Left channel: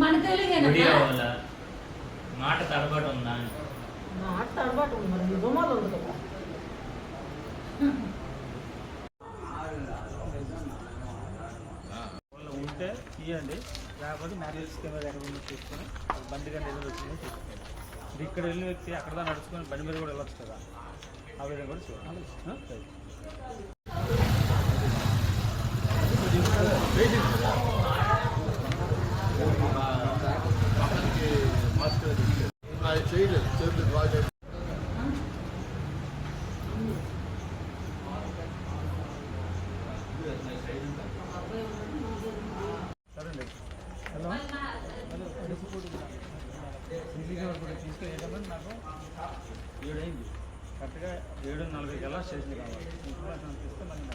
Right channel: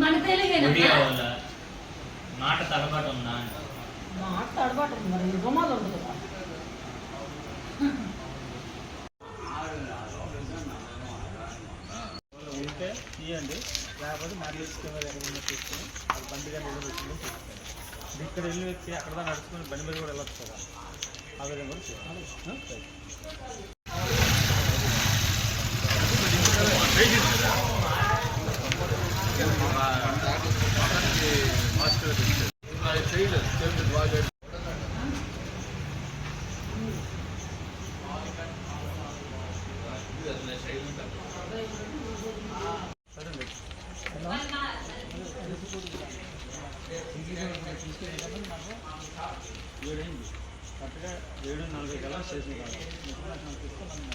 మన తెలుగేనా మాట తడబడి ఉందా. మాట తడబాటు ఉంది మరి రుమాలు ఉండదు కదా. ఉంటే తీయండి లేకపోతే మ్యారేజ్ కెమెరా ఎక్కడ ఉందో చూసుకొని అది బండి కానీ వెళ్ళి వచ్చిందో చూసుకోండి. ఇక్కడ వెళ్ళి వచ్చి అక్కడ దాకా నడుచుకొని బండి మీద కూడా వెళ్ళొచ్చు కదా. ఆ విధంగా కూడా చేయాలి ఆ? సరే. హలో అదే నాకు ఏడైంది కరెక్ట్గా ఏడు నలభై కల్లా స్టేషన్ కావాలి ఇన్ఫర్మేషన్ తీసుకొని నన్ను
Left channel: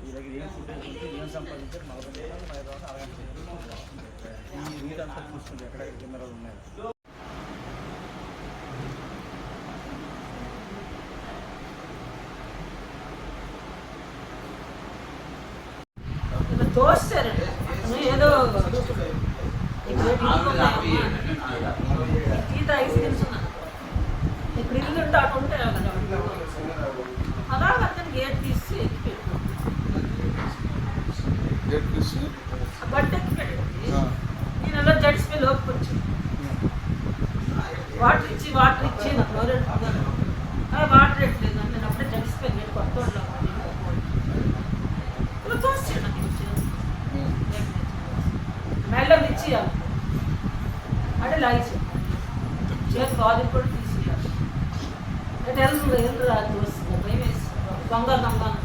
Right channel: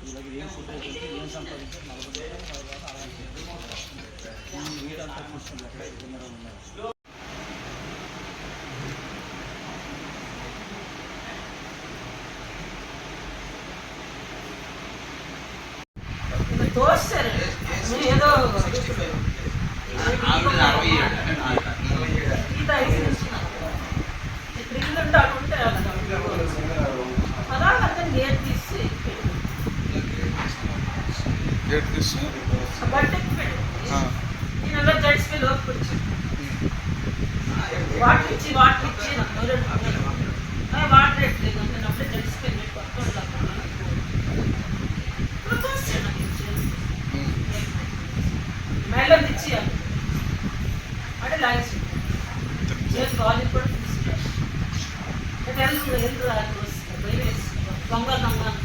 ఈ దగ్గర ఏం ఫుటేజ్ ఏం సంపాదించారు నలభై రూపాయలు నలభై రూపాయలు అరగంట అంతా చూసుకోండి ఎక్కడ కెమెరాలు ఉన్నాయి దోస్తారు ఏదో గీత ఐదు త్రిల్లు ఉంటే అలాగే అతను గేట్ తీసి. గేట్ తీసి బట్టెక్కి పెట్టు వాటర్ ఇచ్చి వాటర్ ఇచ్చి నాకు మొదలు వాటర్ ఎట్లేదు అంటే అప్పుడే జడిసిపోయి నేను కొత్త ఇప్పుడు చూస్తే నాకు ఉమ్. మెల్లం ఇచ్చేయాలి అంటే లాగేసి చేతి గాలి కూడా తీసుకెళ్ళాలి ఎల్లు ఎల్లు అది వస్తుంది భయం వేస్తుంది దొంగ దొంగ ఎవరు నేను